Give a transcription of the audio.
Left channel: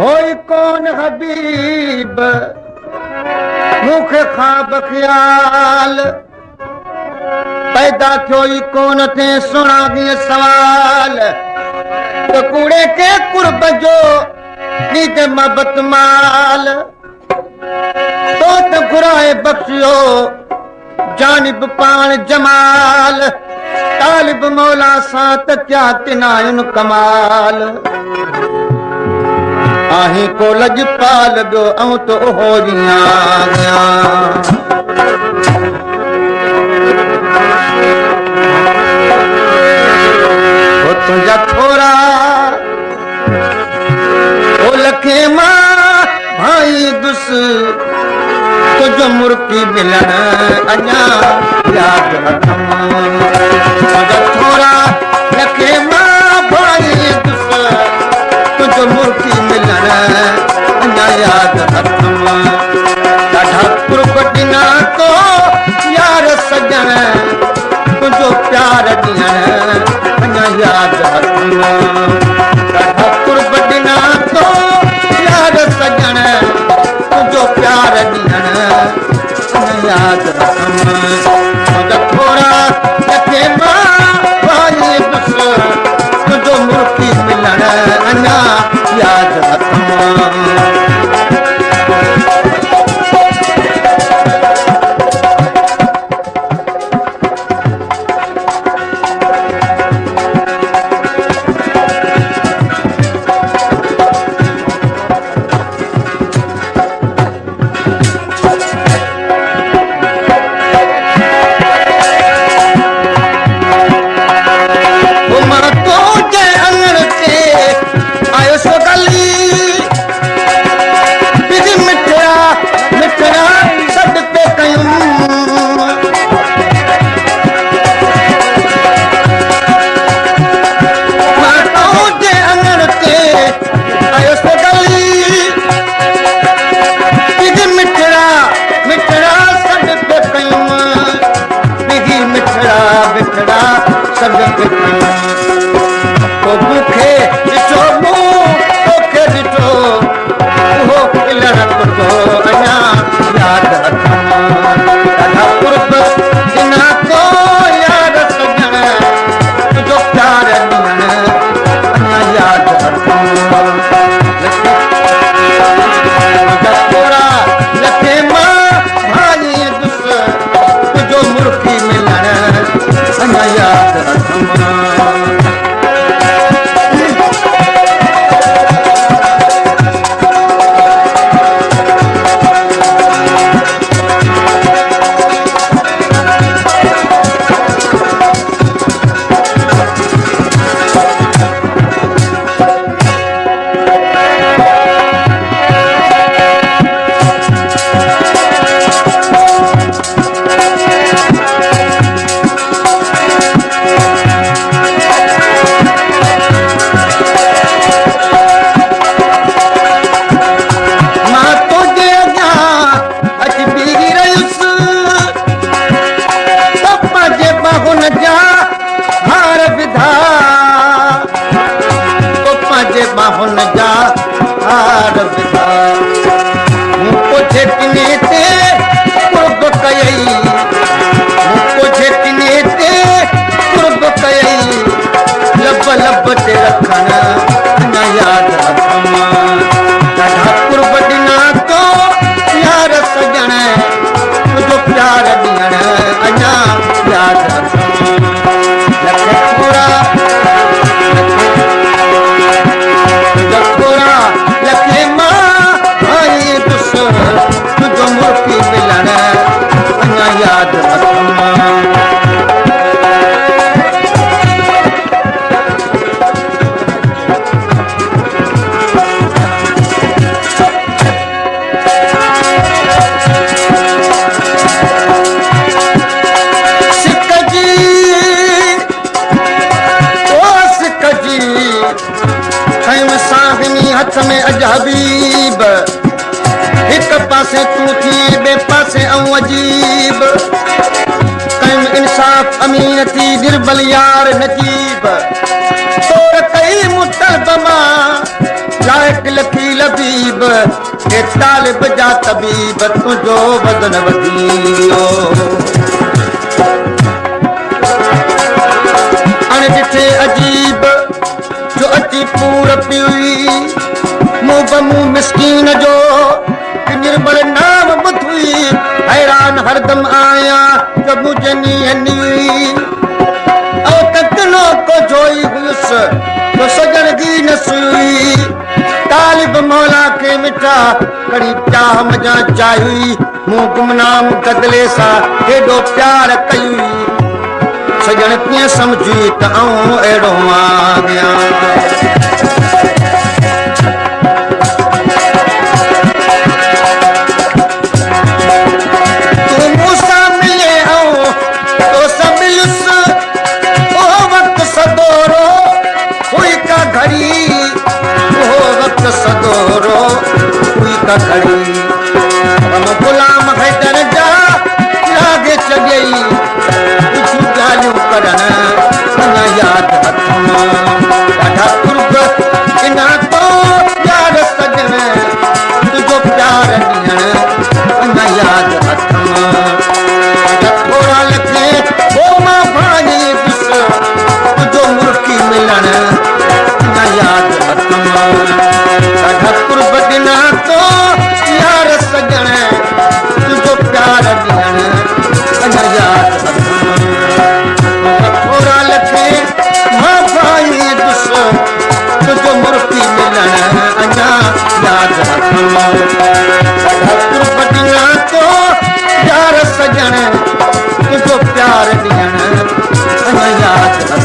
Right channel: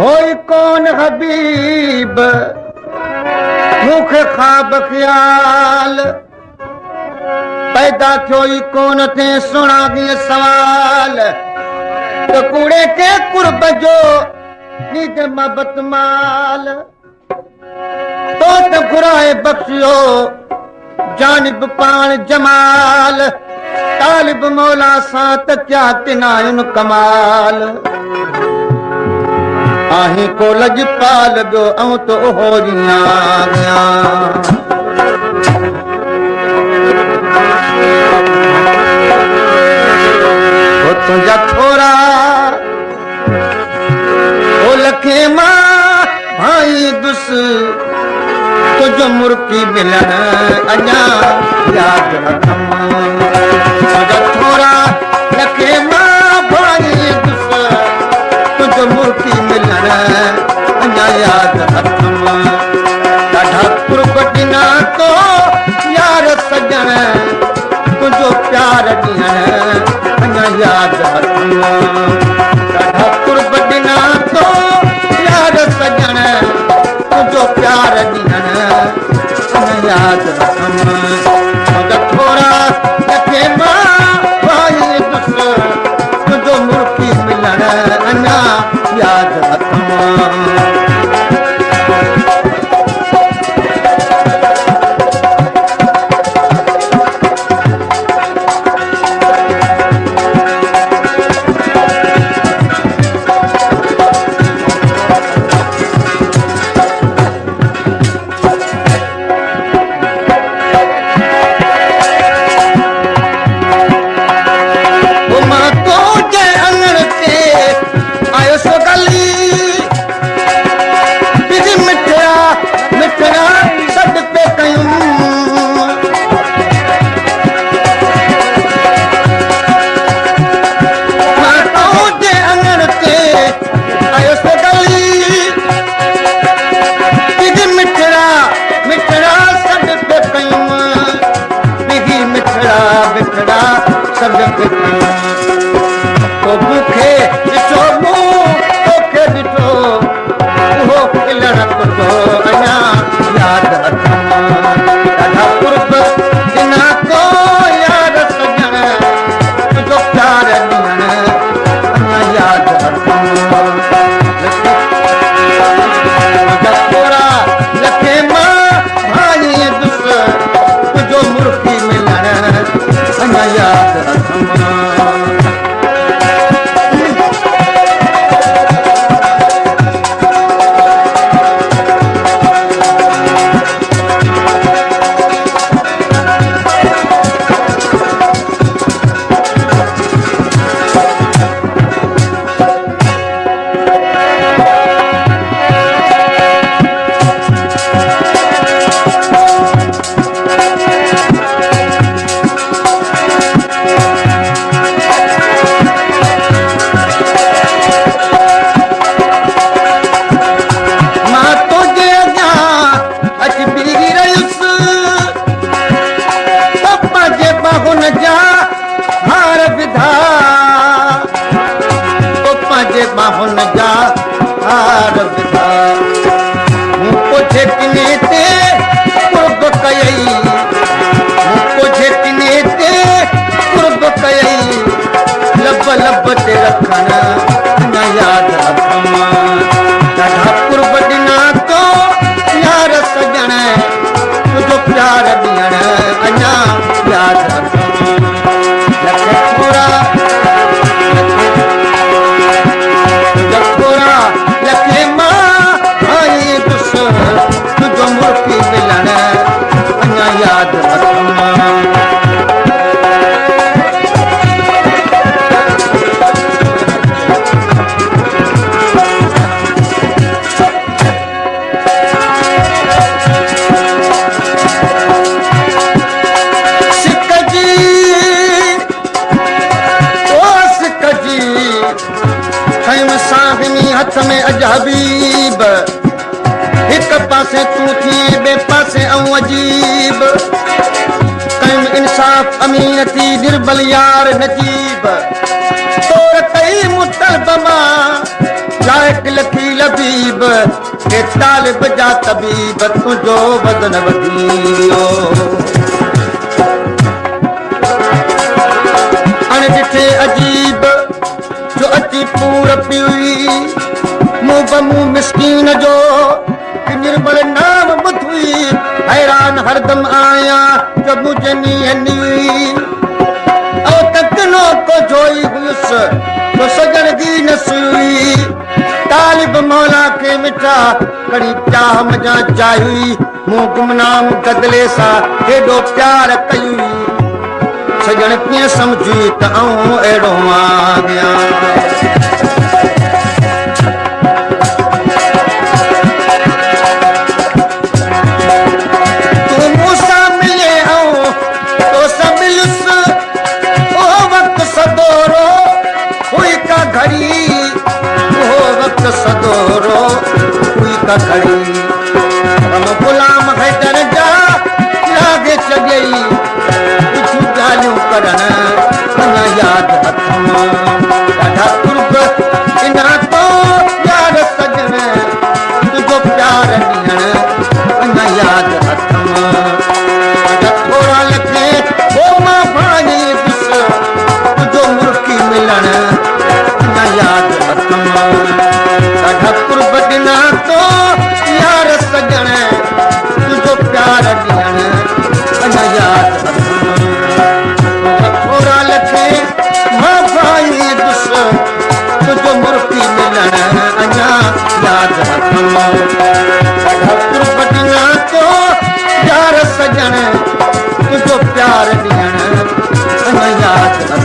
होई कौन हबीब मूंखे ख्वाब ख्याल पैदा थियो ई कोन थे सुणा सवाल त कूड़े के कुर्ब जो नीद मोहब्बत माल तो त घुराए बख्शियो जानिब पाण जमाल तालिब मौला सां त क्या तिनायुन कमाल आहीं को लजपाल ॿियो ऐं तो हो तुंहिंजा थोरा ओ लखे मां भाई दुस तुंहिंजो मुर्की मिलण अञा यादि रखम तुंहिंजा थोरा लखे मां भाई दुस तुंहिंजो मुर्की मिलण अञा यादि रखम ॾाढा कुर्ब ॾिना तो यार सजण तुंहिंजो प्यार ॾियण अञा यादि रखम ॾाढा कुर्ब ॾिना तो यार सजण तुंहिंजो प्यार ॾियण अञा यादि रखम तुंहिंजा थोरा लखे मां भाई दुस तुंहिंजो मुर्की मिलण अञा यादि रखम हथ में अज हबीब हिक पासे तूं थी ॿिए पासे ऐं अजीब कम इंसाफ़ अमीन थी निर्बल यार नजीब तोड़ कई मुतलबमा लाइक लकी लबीब ए तालिब जा तबीब तुंहिंजो बदन वधियो अणिॾिठे अजीब जो अची पूर पियुई मूं बमूं मिसकीन जो निर्बल नाम ॿुधी हैरान हरदम आया जो मुंहिंजे नीअ ऐं तकनो को जोई हुयुसि तो सजण जी न सुई तालिब मौला खे मिठा कड़ी चाह मजा चाही मूं गुमनाम गदले सां हेॾो प्यार कई सजण कीअं सम्झी त आऊं अहिड़ो आॻियां सदोरो हुई का खड़ी हम गुलाम हैदर जा लागे चगई कुछ ॻाल्हियूं करण अञा यादि हथ ॾाढा कुर्ब इना तो यार सजण तुंहिंजो प्यार ॾियण अञा यादि हथ थोरा लखे हो मां भाई ॾिस तुंहिंजो मुर्की मिलण अञा यादि हथ कुर्ब ॾिना तो यार सजण तुंहिंजो प्यार ॾियण अञा यादि थोरा लखे मां भाई ॾिस तुंहिंजो मुर्की मिलण अञा यादि कुर्ब ॾिना तो यार सजण तुंहिंजो प्यार ॾियण अञा यादि